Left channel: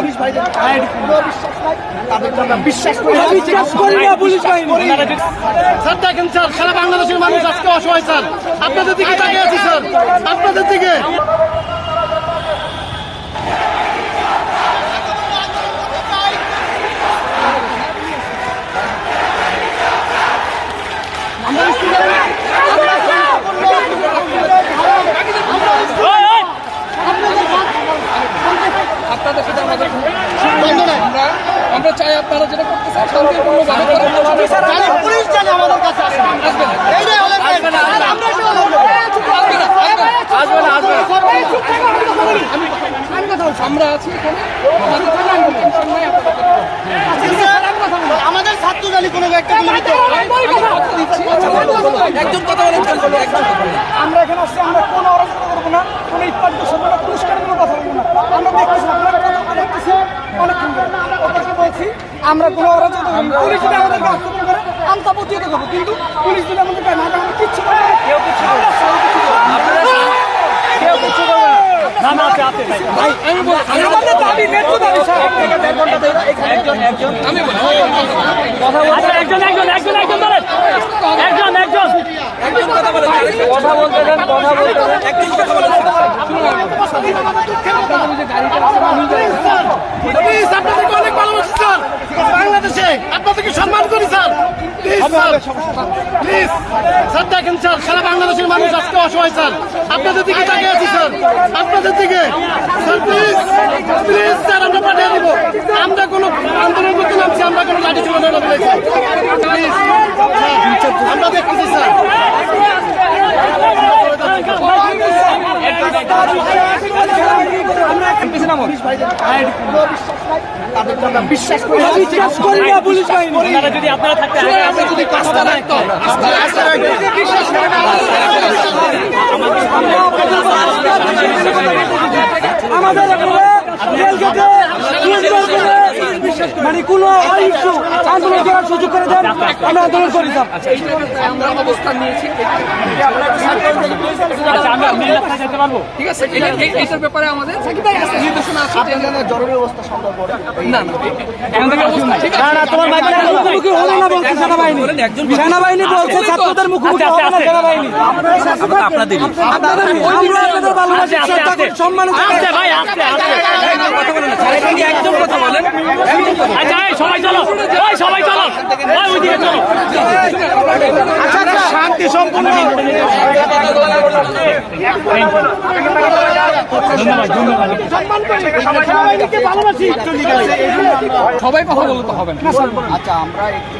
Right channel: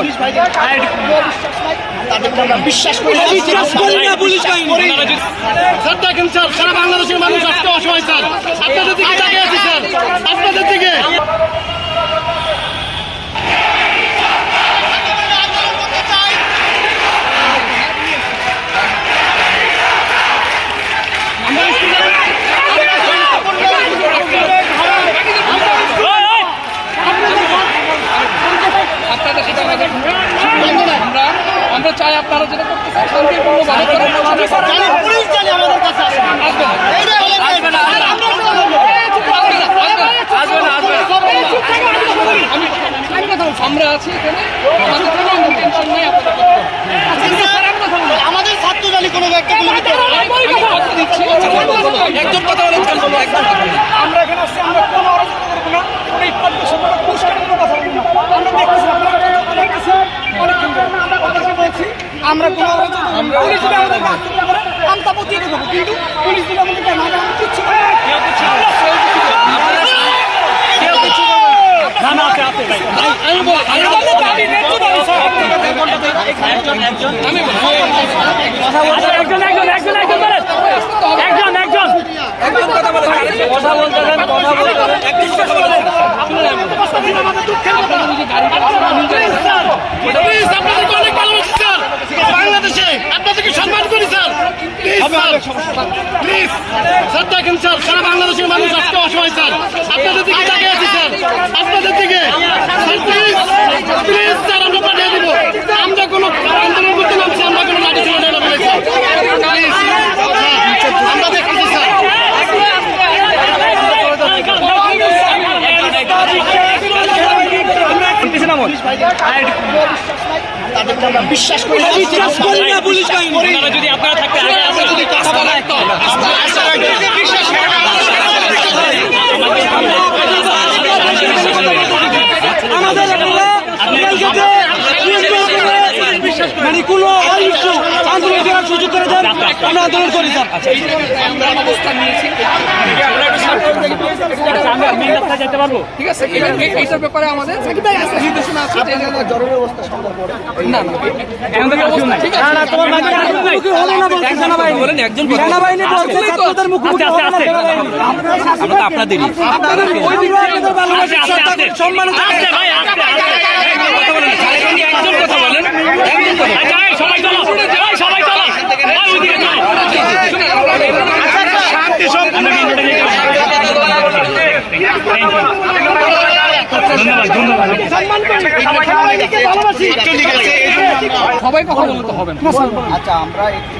Police ভাইদের বিশ্বাস নাই তাদেরকে আমরা বিশ্বাস করি। স্যার দেখেন স্যার সারা বাংলাদেশের মানুষ আজকে অসহায় স্যার। আপনাদের দিকে তাকিয়ে আছি স্যার। আপনাদের দিকে আমরা স্টুডেন্ট আমরা শান্তিপূর্ণ আপনাদের সাথে আমাদের বন্ধ নাই আমরা আমরা চাই আপনারা যেটা করতে চান শান্তিপূর্ণ ভাবে করেন পুলিশ জানি আমাদের কাছে আসবে এইটাই হলো আর আমরা আছি এখানে। আমাদের কোনো টেনশন নাই আপনাদের আমাদের ছাত্র জানি কোনো একটা আমি কথা দিচ্ছি। একজন কথা বলেন আমরা এখানে আসছি আমরা কোনো অরাজকতা করব না কোনো ইটপাট বসাবো না পুরস্কার কোনো কথা বলব না আমরা দেখতেছি আপনারা কথা দেখতেছি অনেকক্ষণ ধরে ওদেরকে বলছি আমরা কোনো। পুলিশ যদি আমাদেরকে আক্রমণ করে আমি তা প্রতিহত করব কিন্তু পুলিশ যদি আমাদেরকে না করে আমরা কিচ্ছু আমাদের আমি বলি আচ্ছা, একজন একজন একজন একজন ধরেন। একজন একজন একজন কথা বলেন আপনাদের ওই যে গাড়িটা আছে, আমি জানি না। প্লিজ আপনাদেরকে অনেক ভালোবাসি স্যার বাংলাদেশে আপনাদেরকে সম্মান করি sir please sir please sir দেখেন স্যার, সারা বাংলাদেশের মানুষ আজকে অসহায়, স্যার। আপনাদের দিকে তাকিয়ে আছি, স্যার। আপনাদের দিকে। স্যার প্লিজ প্লিজ স্যার, আমরা পাঠিয়ে দিব। আমরা কোনো আন্দোলন করতে নামছি, আমরা কোনো লাঠি ছিল না প্লিজ আমরা দেখতেছি স্যার। বিশ্বাস করি। যদি আপনারা থাকতে আমাদের মানে কোনো আন্দোলন করার সুযোগ করে দেন আমরা আন্দোলন করি স্যার আমরা অবস্থান নিয়েছি যেতে পারব? ঠিক আছে এই- এইটার ব্যাপারে আমাদের নির্দেশনা আছে? জরুরি অবস্থা পরে না না আপনাদের ওই দিক থেকে সম্মানিত কথা বলেন একজন কথা বলেন। সবাই চলো। সবাই কথা বলতে হবে না। আচ্ছা আমরা একটু